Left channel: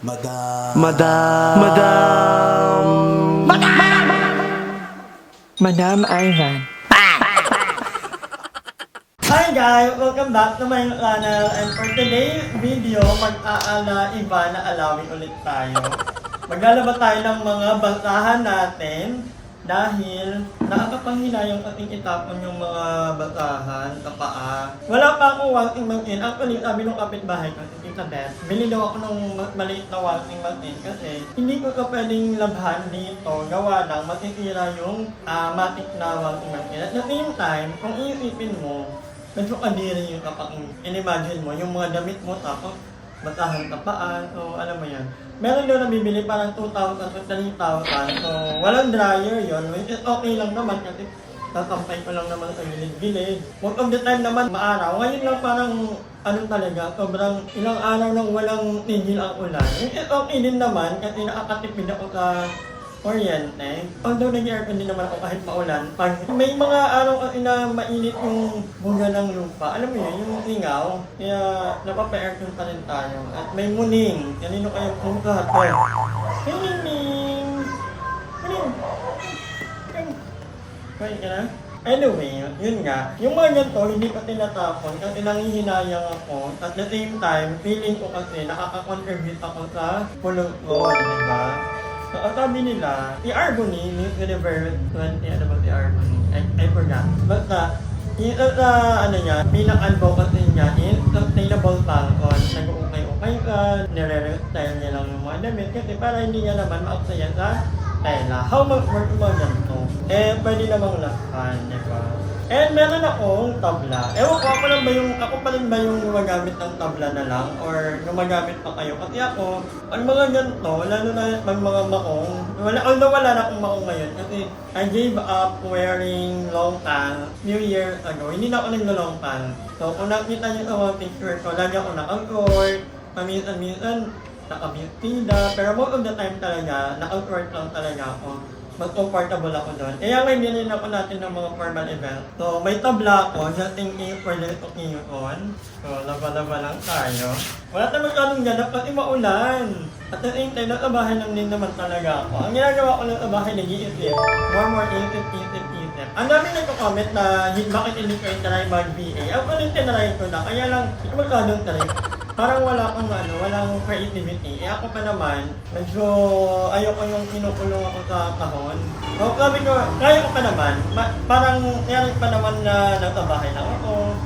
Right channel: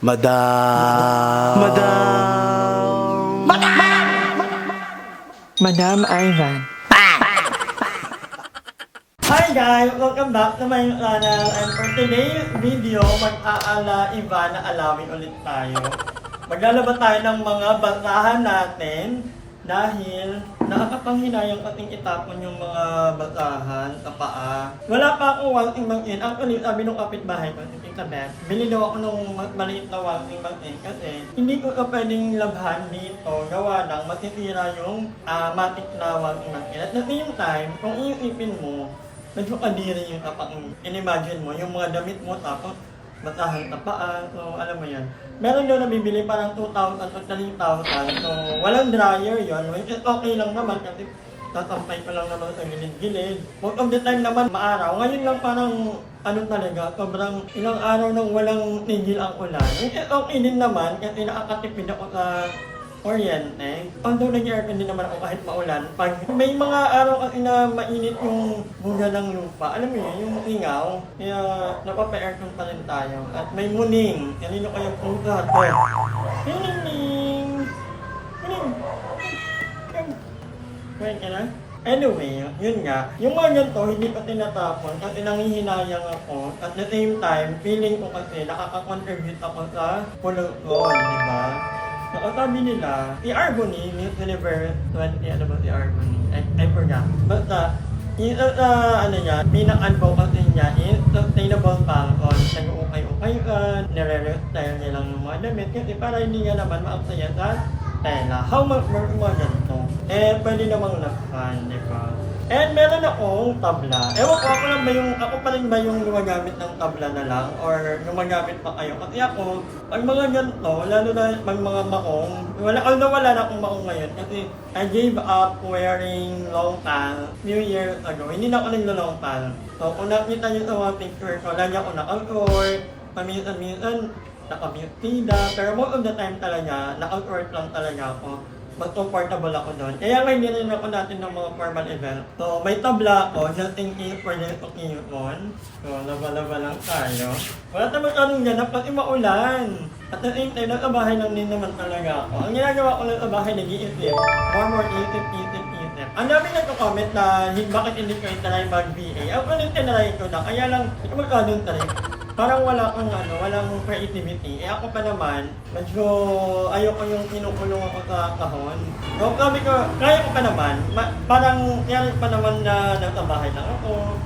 Madam. Madam Ivan. Hi guys! Welcome back to my channel, and for today's video, mag-iba na alawin ulit tayo. Maglalaba tayo ng mga basahan natin dahil nakakapanghinayang ating itapon yung mga basahan sa paa. Wala pa akong walking mag-in. Actually, sabi nung kapitbahay ko, si Tita Beth, bili daw ako nung maliit na walking mag-in kasi hindi ko pwedeng labhan dito gawa ng matitira yung matik na walking mag-in. At the same time, kung iisipin mo, medyo kadiri yung kapag in-imagine mo, yung mga damit mo tapos basahan ka paa, so alam mo yan. Meron daw nabibili parang 2,000 o 3,000, so walang dryer yon, which is okay lang naman kasi tatampay ko lang naman sa gilid-gilid. Most of the time naman maaraw, ngayon lang parang ano talaga, sobrang ilang araw nang walang tigil ang ulan. Which is okay din naman kasi nakakatipid ako sa kuryente. Although nag-aircon din naman ako kahit maulan. Pag may mga araw kasi na mainit yung buga ng lupa, alam mo yun, yung singaw, kaya napapa-aircon pa rin tayo. At may muning. Kanino kayang pugat? Muning! Wait ka na? Anyway, yun nga. Yung mga ganito, hindi ka tinatapon kasi nangihinayang ako. At the same time, feeling ko kasi nakaka-contribute ako sa pollution, di ba? So, ang sabi nila, si Arbony, Miss Universe 20, ano ba si Arbony? I forgot. Basta, yung ano niya, pinaka-advocacy niya is sustainable fashion. Nag-ukay-ukay ka, nire-restyle nilang yung mga damit kasi para hindi nga naman maaksaya sa tela. How much work yung mga ganito? Pwede namang lakhan, di ba? And meron akong tabla. Ewan ko, ako pa rin ba yung gumagamit ng tabla na lang? Or gumagamit pa kayo? Kasi ako, pag mga ganito, lalo na pag mga makong, although wala na akong makong ngayon, kasi I gave up wearing long pants few years ago. Hindi na ako naglo-long pants. So, kung nakita nyo sa mga picture ko, lagi ako naka-short, paminsan-minsan, naka-beautida, pero most of the time talaga, naka-short lang talaga ako. Mas comfortable ako doon. Kaya ngayon din ako natin ng mga formal event. So, may tabla ako, just in case for this occasion. So, laba-laba lang tayo. Wala naman kaming ganap kasi maulan. At the same time, nasa bahay lang din naman talaga ako. Ang ginagawa ko lang sa bahay, nag-iisip. More isip. Ang dami nagko-comment na bakit hindi ko i-try mag-VA. Ako rin tinry ko na, kaya lang, hindi ko magkadong try. Parang walang creativity. Ako pa naman, medyo ayoko yung kinukulong ako sa kahon. So, sabi ko, kaya ko pa naman, parang kaya pa naman na nasa bahay lang ako.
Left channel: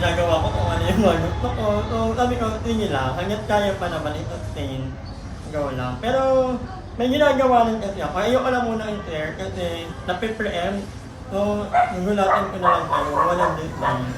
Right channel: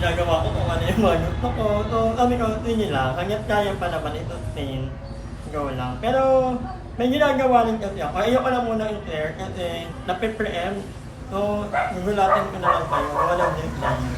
Ginagawa ko kung ano yung mga gusto ko. So, sabi ko, sige lang, hanggat kaya pa naman i-sustain, go lang. Pero, may ginagawa rin kasi ako. Ayoko lang muna i-share kasi nape-preempt. So, nagulatin ko na lang kayo. Walang deadline.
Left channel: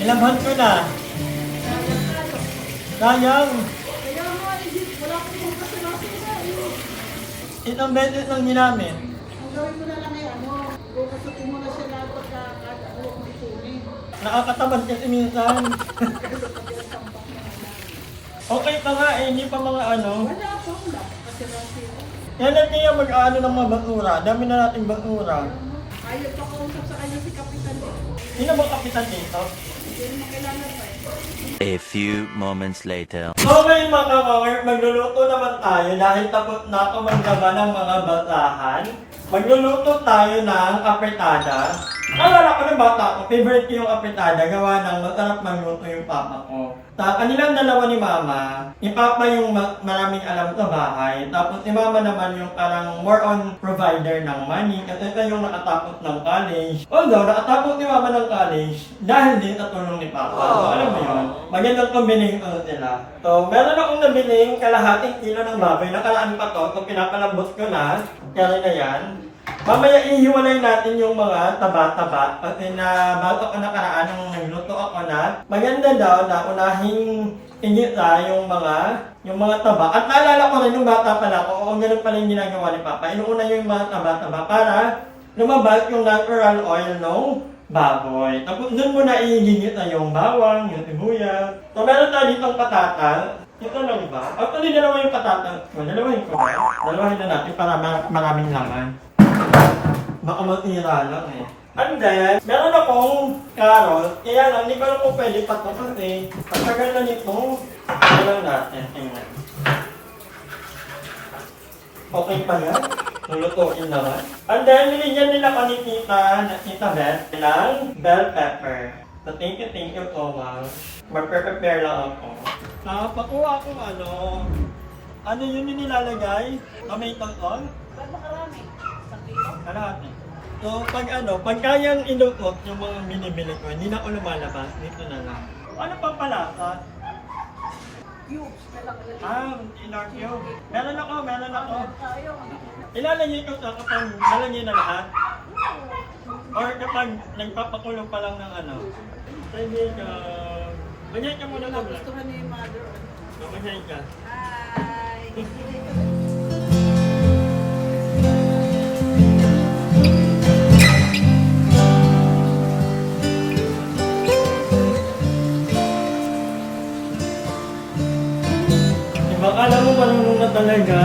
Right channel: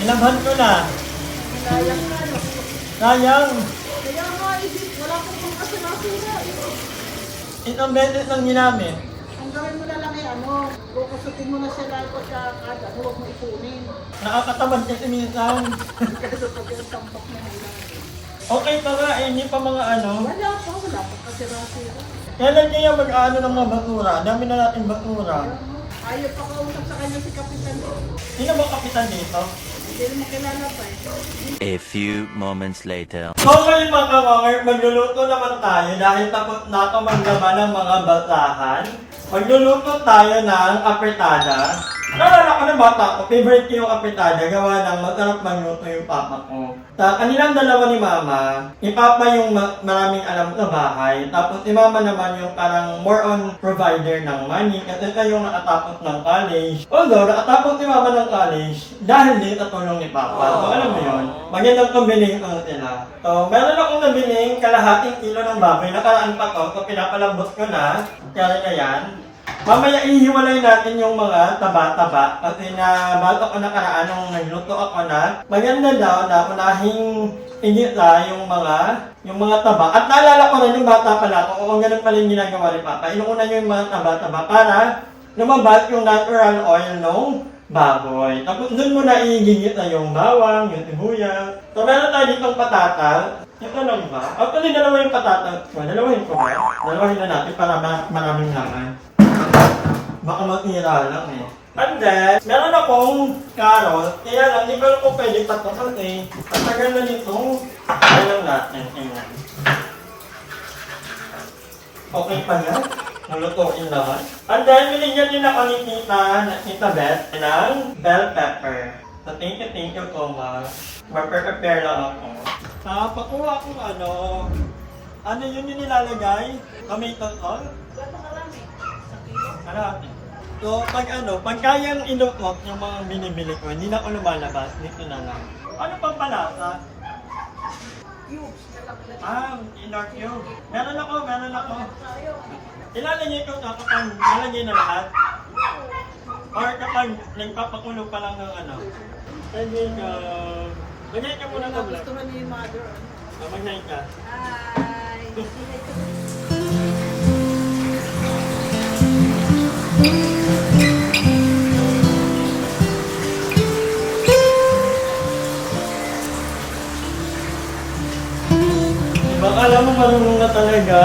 Nilabhan ko na. Sayang. Isang beses lang ginamit. Gawin mo na lang yung kukasutin mo na siya lalo at huwag mo isunin. Nakakatamad kasi minsan. Okay pa nga hindi pa mga ano. Wala po, wala po kasi lang siya. Kailan kaya mag-ano ng mga basura? Dami na nating basura. Ayaw pa kausap sa kanya si Kapitan dito. Sino bang kapitan dito? Hindi rin nakilala pa eh. A few moments later. So ngayon mga kamangay, magluluto naman tayo dahil tapos na ako maglaba ng mga basahan. Magluluto tayo ng apretada. Naalala ko ng bata ko, favorite ko yung apretada, gawa ng masarap magluto yung papa ko. Sa kanilang dalawa ni mama, yung papa yung maraming alam sa bahay, tapos si mama naman yung parang more on provider ng money kasi siya yung nakatapos ng college. Although nakatapos si mama ng college dahil din sa tulong ni papa. So alam mo yun, magandang combination sila. So meron akong nabiling kalahating kilo ng baboy, nakaraan pa to, so pinapalambot ko na, kaya na yan. Mamaya ihiwalay natin yung mga taba-taba. Kasi na bago ako nakaraan nung nagluto ako na maganda daw na unahing igita yung mga taba. At naalala ko rin yung bata pala ako, oo ganun pala yung ginagawa ni Papa. Inuuna niyo yung mga taba-taba para lumabas yung natural oil ng baboy. Tapos doon mo na igigita yung bawang, yung sibuyas. So meron tayo ditong patata. Ito lang ba? Actually, dalawa yung patata. Well, dalawahin ko ba? Dalawahin na natin para maraming laman. Baka matira lang eh. And then, meron akong carrot. Kaya lang, di ba ko pwede tatlo kasi patagal na nito. Kaya lang natin. Tingnan. Okay pala. Nulutuin naman. And then, binigyan din ako ni Tita Beth ng bell pepper. So, thank you so much. Mag-prepare lang ako. Pakuha akong ano yun yung nilalagay? Tomato sauce? Ba't makarami? 1 kilo? Karami. So, pag kayang ilukot yung mga binibili ko, hindi na ako lumalabas, dito na lang. Ano pang palasa? Cubes na lang ulit. Inor cube. Meron ako. Tayo. Ilalagay ko sa kapag nalagay na lahat. Or kapag nagpapakulo pa lang ng Pwede ka. Magay ka muna ng vlog. Nagustuhan ni mother. Magay ka. Hi! Baka alam mo marunong na talaga.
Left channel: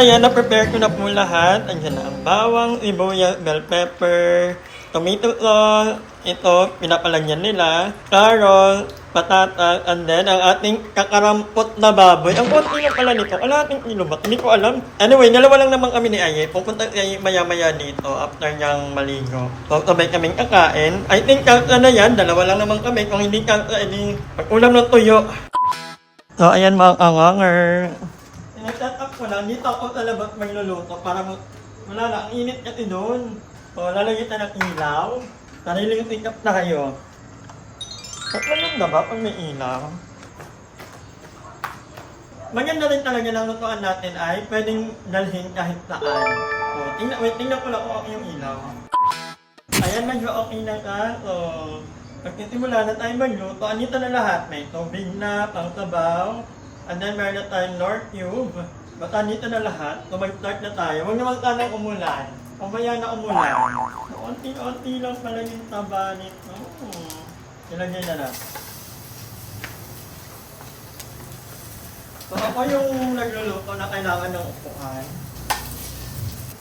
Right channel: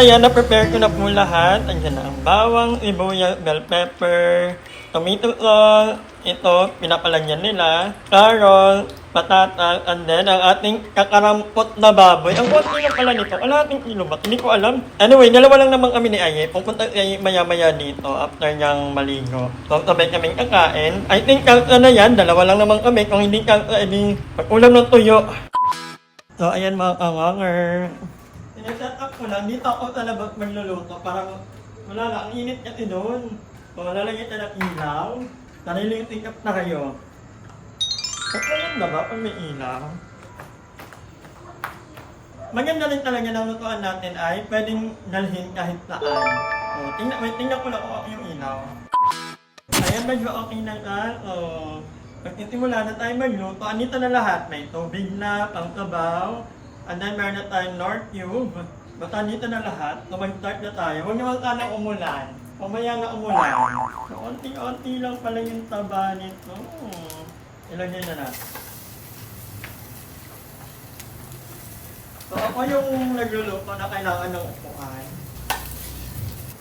Ayan, na-prepare ko na po lahat. Andiyan na ang bawang, sibuyas, bell pepper, tomato sauce. Ito, pinapalagyan nila. Carrot, patatas, and then ang ating kakarampot na baboy. Ang konti lang pala nito. Wala ating ilubat. Hindi ko alam. Anyway, dalawa lang naman kami ni Aye. Pupunta si Aye maya-maya dito after niyang maligo. So, sabay kaming kakain. I think kalsa na yan. Dalawa lang naman kami. Kung hindi kalsa, edi pag-ulam ng tuyo. So, ayan mga kawanger. Nag-set up ko lang. Dito ako sa labas magluluto para wala na. Ang init kasi doon. So, lalagyan tayo ng ilaw. Nariling up na kayo. Maganda na ba pag may ilaw? Maganda rin talaga ng lutuan natin ay pwedeng dalhin kahit saan. So, tingnan ko lang kung okay yung ilaw. Ayan, medyo okay na ka. So, pagkisimula na tayo magluto, andito na lahat. May tubig na, pang-sabaw. And then meron na tayong North Cube. Basta andito na lahat. So, mag-start na tayo. Huwag naman sana umulan. Umaya na umulan. So, onti-onti lang pala yung taba nito. Ilagay na natin. So, ako yung nagluluto na kailangan ng upuan.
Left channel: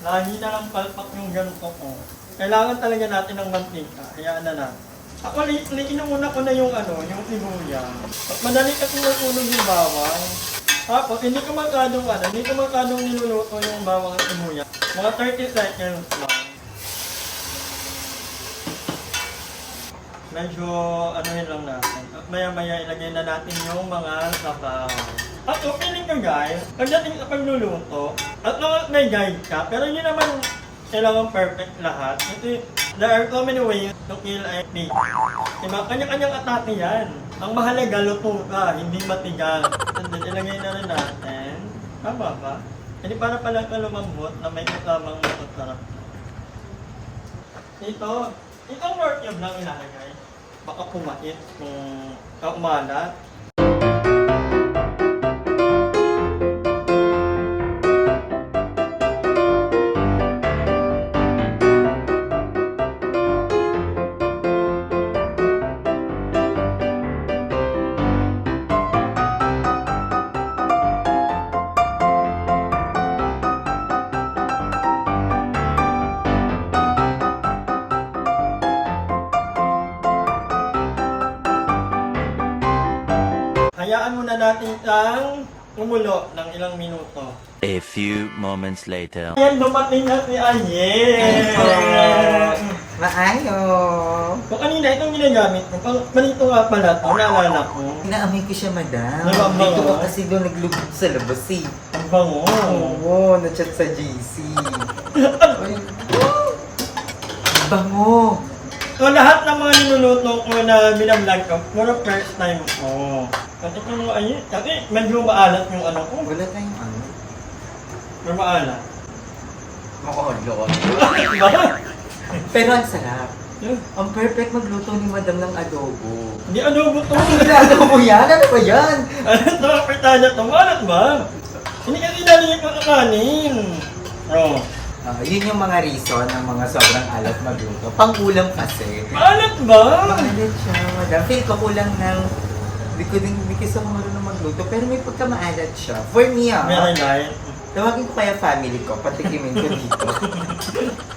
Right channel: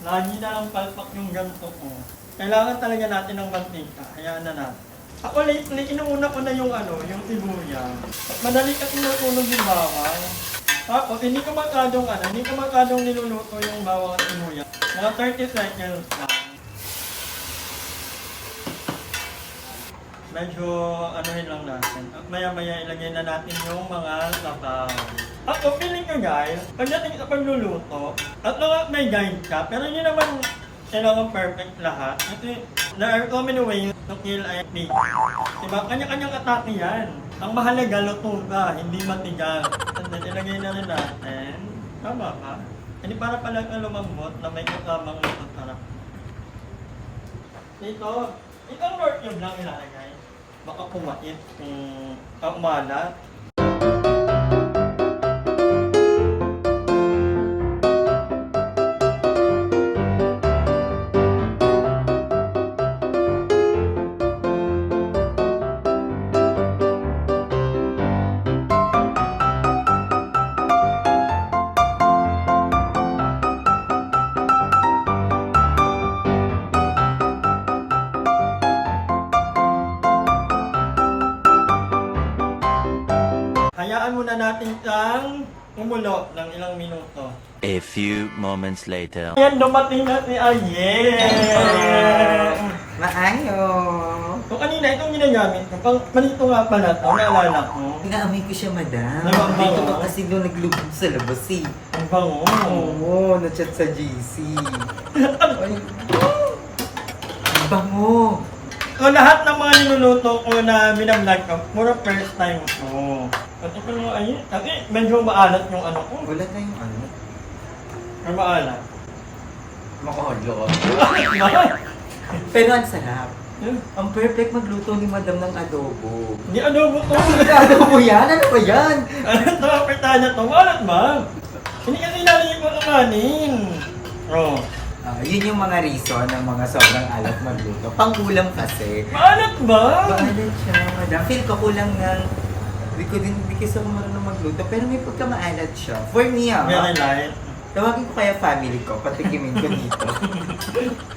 Nakahina lang palpak yung ganito ko. Kailangan talaga natin ng mantika. Hayaan na natin. Ako lately, inuuna ko na yung sibuyas. Madali kasi nasunog yung bawang. Tapos, hindi ko magkadong niluluto yung bawang at sibuyas. Mga 30 seconds lang. Medyo anuhin lang natin. At maya-maya ilagay na natin yung mga sabaw. Ako, feeling ko guys, pagdating sa pagluluto, at lang may guide ka, pero hindi naman kailangan perfect lahat. Kasi there are so many ways to kill a pig. Diba? Kanya-kanyang atake yan. Ang mahalaga, luto ka, hindi matigas. And then, ilagay na rin natin. Tama ba? Hindi para palang lumambot na may kasamang masasarap. Itong North Cube lang ilalagay. Baka kumait kung umalat. Hayaan muna natin siyang umulo ng ilang minuto. A few moments later. Yan, dumating na si Aye! Maayo. So kanina, itong ginagamit ko, pang manito nga pala ito, naalala ko. Inaamoy ko siya, madam. Nagbabango? Dito ka kasi doon naglugod sa labas eh. Ang bango. Oo, na-chat sa GC. Ay, bango. So lahat ng mga niluluto ko na binablog ko, puro first time ko. Kasi kung Aye, kasi medyo maalat yung ko. Wala tayong ano. Or maalat. Makolot. Bakit? Pero ang sarap. Yan. Ang perfect magluto ni Madam ng adobo. Hindi adobo to. Hindi adobo yan? Ano ba yan? Ano ito? Pritanya to. Walat ba? Hindi kasi nalingin ko kakanin. Oh. Yun yung mga reason ng mga sobrang alat magluto. Pangkulam kasi. Maalat ba? Maalat siya, Madam. Feel ko kulang ng... Hindi kasi ako marunong magluto, pero may pagkamaalat siya. For me, Very light. tawagin ko kaya family ko, patikimin ko dito.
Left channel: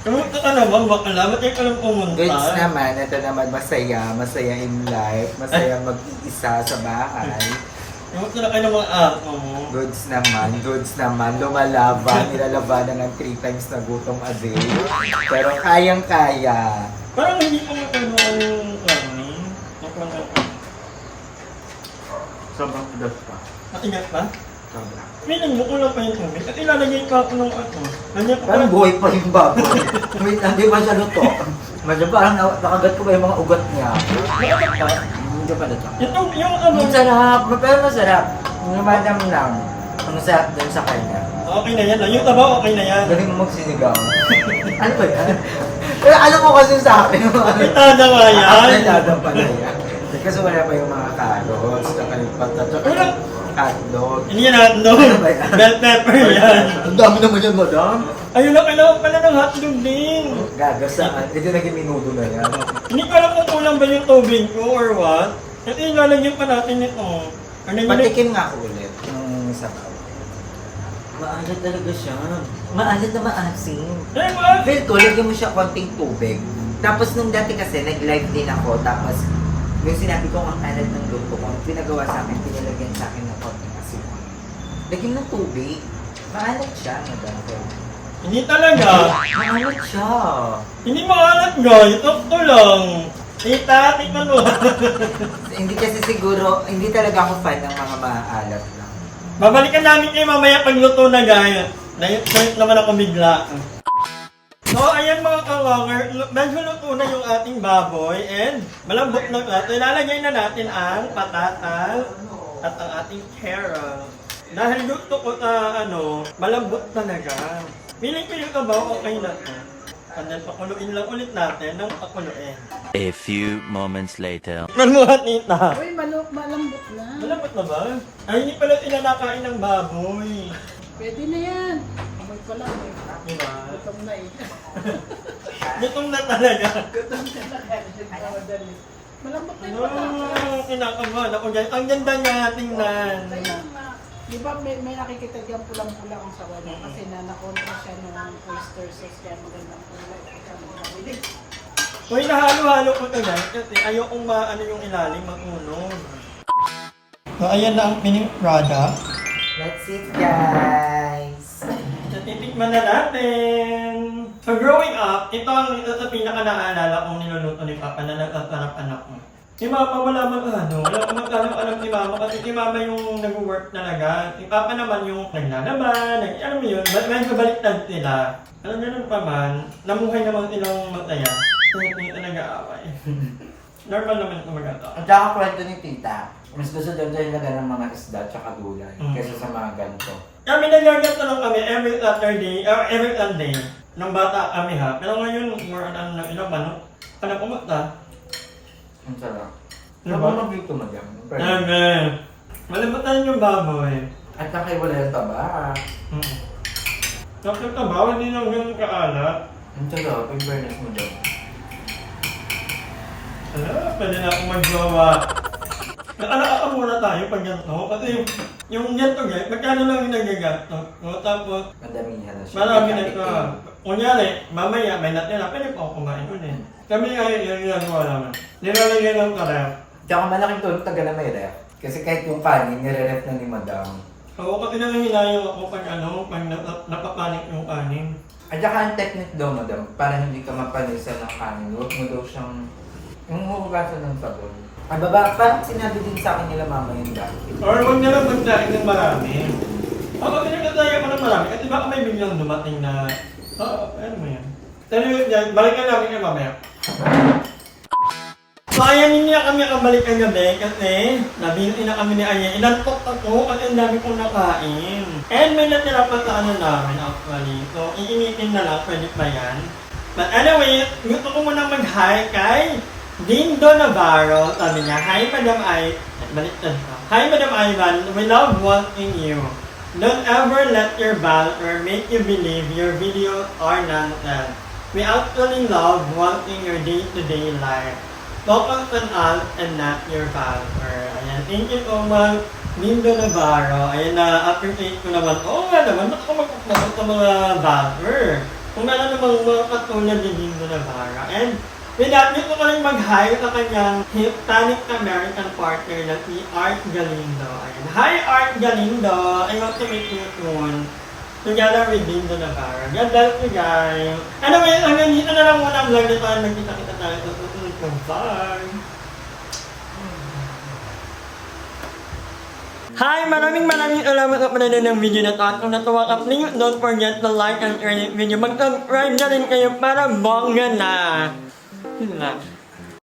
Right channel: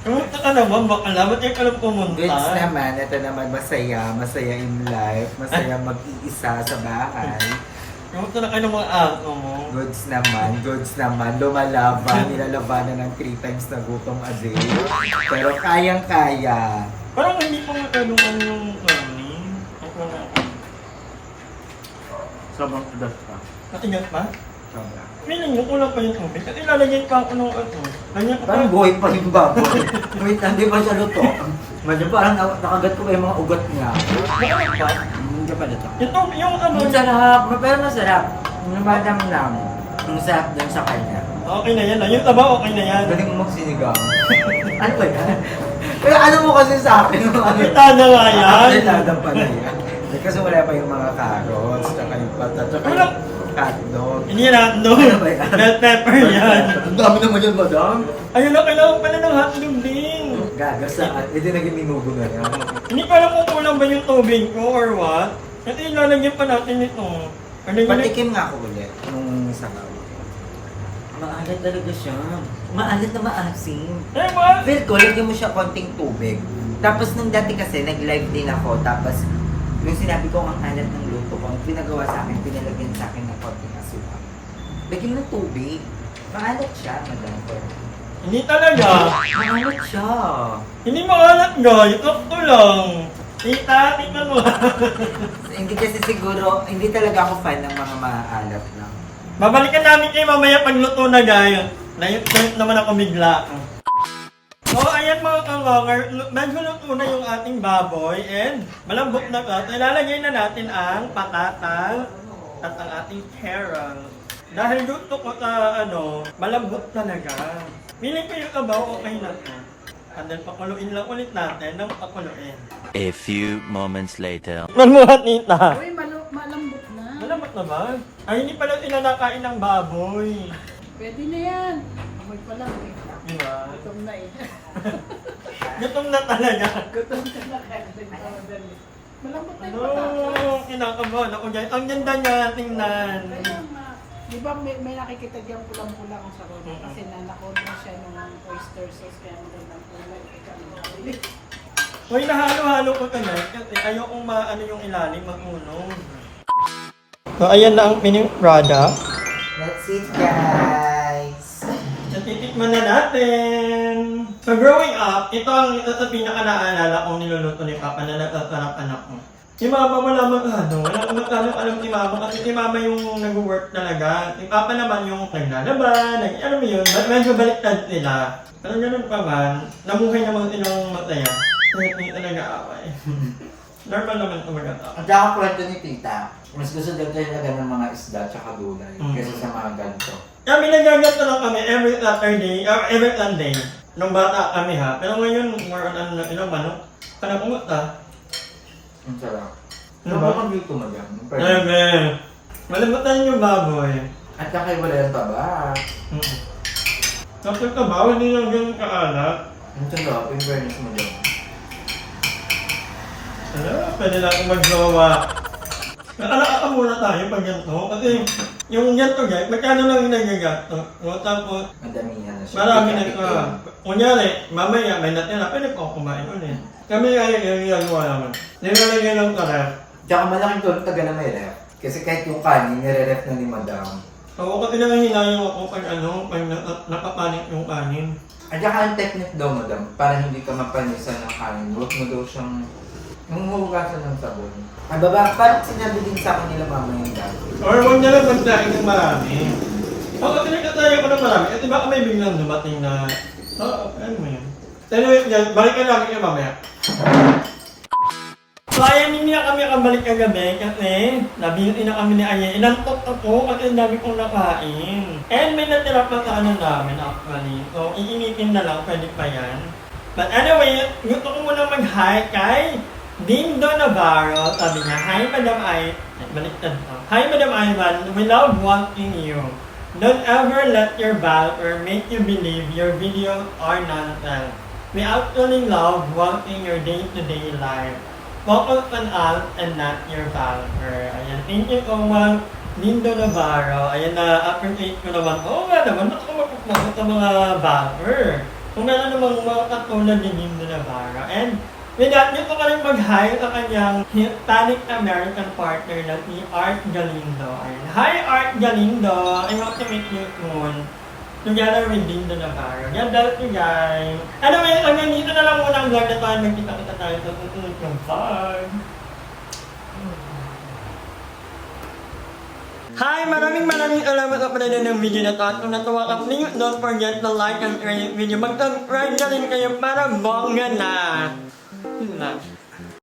Kamusta ka naman? Baka alam, ba't ka lang pumunta? Goods naman, ito naman masaya in life, masaya mag-iisa sa bahay. Kamusta na kayo ng mga ako mo? Goods naman, lumalaban, nilalabanan ng 3 times na gutom a day. Pero kayang-kaya. Parang hindi pa matanong ang kanin. Ang lang ka. Sobrang tudas pa. Natingat pa? Sobra. Feeling mo kulang pa yung tubig. At ilalagay pa ako ng ano. Ganyan ko Parang buhay pa yung baboy. Wait, hindi ba siya luto? Madam, parang nakagat ko pa yung mga ugat niya. Nakakot pa? Hindi pa luto. Yung ano. Ang sarap, pero masarap. Yung madam lang. Ang sarap dun sa kanya. Okay na yan. Yung taba okay na yan. Galing mo magsinigang. Ano ba yan? Pero alam mo kasi sa akin, Itada nga yan. Dadang pala yan. Kasi wala pa yung mga carrots, tsaka yung patat, tsaka Walang- yung hotdog. Hindi yan hotdog. Ano ba yan? Bell pepper yan. Ang dami naman yan, madam. Ayun na, kailangan pala ng hotdog din. Gagasaan. Hindi naging minudo na yan. Hindi ko alam kung kulang ba yung tubig ko or what. At ilalagyan pa natin ito. Ano yun? Patikim nga ako ulit nung sabaw. Maalat talaga siya. Maalat na maasim. Eh, what? Feel ko, lagyan mo siya konting tubig. Tapos nung dati kasi, nag-live din ako. Tapos, yung sinabi ko ang alat ng luto ko, ang pinagawa sa akin, pinalagyan sa akin ng konting asukal. Lagyan ng tubig. Maalat siya, madam ko. Hindi talaga. Maalat siya. Hindi maalat guys. Ito lang. Tita, tingnan mo. Hindi kasi siguro, hindi talaga ako fan ng mga maalat lang. Babalikan namin kayo mamaya pagluto na guys. Nayot naman ako bigla. So, ayan mga kawanger, medyo luto na yung ating baboy and malambot na ito. Ilalagay na natin ang patatas at ang ating carrot. Dahil luto ko sa malambot talaga. Feeling ko yung kabaw okay na to. And then pakuluin lang ulit natin ng pakuluin. A few moments later. Manuhat nita. Uy, malambot na. Malambot na ba? Ay, hindi pala sila nakain ng baboy. Pwede na yan. Amoy pa lang eh. Diba? Gutom na eh. Gutom na talaga. Gutom ka na eh. Malambot na yung Ano, patatas. kinakabahan ako dyan. Ang ganda niya, tingnan. Kaya nga. Di ba may nakikita dyan pulang-pula ang sawa niya kasi nakontra siya ng oyster sauce kaya magandang kulay. Hoy, nahalo-halo ko ito guys kasi ayokong maano yung ilalim mag-unog. So, ayan na ang finished product. That's it, guys. So, titikman na natin. So, growing up, ito ang isa sa pinaka-naalala kong niluluto ni Papa na natatarap anak ko. Si Mama wala wala akong alam si Mama kasi si Mama yung nag-work talaga. Si Papa naman yung naglalaban, alam mo yun, medyo baliktad sila. Pero ganun pa man, namuhay naman silang masaya. Hindi nag-aaway. Normal naman ito maganda. At saka kwento ni tita, mas gusto daw talaga ng mga isda at saka gulay kaysa sa mga ganito. Kami nagagat na lang kami every Saturday, or every Sunday. Nung bata kami ha. Pero ngayon, more on ilang manok. Parang kumata. Ang sarap. Ano Ano ba? ba mag-luto madam? Malamatan yung baboy. At saka wala yung taba. Tapos yung kabaw, hindi lang ganun kaalat. Ang sarap, in fairness mo daw. Pwede natin mag-jowa. Naalala muna tayo pag ganito. Kasi yung ganito guys, magkano lang yung nagagastos. Tapos, Madamihan na siya. marami na ito. Kunyari, mamaya may natira, pwede pa ako kumain ulit. Kami ay ginagawa naman. Nilalagay lang ka ref. Tsaka malaking tulong taga na may ref. Kasi kahit yung kanin, nire-ref na ni madam. So, kasi nangahinayang ako pag pag nakapanik yung kanin. At saka ang technique daw madam, para hindi ka mapanisan ng kanin, huwag mo daw siyang yung huhugasan ng sabon. Ay baba, parang sinabi din sa akin nila mama yung dati. Or huwag na lang magdaing ng marami. Oo, kasi nagkataya ko ng marami. Kasi baka may biglang dumating na, ano mo yan? Anyway, yan, balikan namin yung mamaya. So ayan, hindi na kami nakabalik kagabi kasi nabinti na kami ni Ayan. Inantok ako at ang dami kong nakain. And may natira pa sa ano namin actually. So, iinitin na lang, pwede pa yan. But anyway, gusto ko munang mag-hi kay Dindo Navarro. Sabi niya, hi Madam baliktad pa. Hi Madam Ivan, we love watching you. Don't ever let your banter make you believe your videos are nonsense. We actually love watching your day-to-day life. Focus on us and not your banter. Ayan, thank you so much, Dindo Navarro. Ayan, na-appreciate ko naman. Oo nga naman, ba't ako magpapakot sa mga banter? Kung meron namang mga katulad ni Dindo Navarro. And with that, gusto ko rin mag-hi sa kanyang Hispanic American partner na si Art Galindo. Ayan. Hi Art Galindo! I want to meet you soon. Together with Dindo Navarro. God bless you guys! Anyway, hanggang dito na lang muna ang vlog na tayo. Magkita-kita tayo sa susunod ng vlog. Hi! Maraming salamat sa panonood ng video na ito. At kung natuwa ka, please don't forget to like and share this video. Mag-subscribe na rin kayo para bongga na! Yun lang.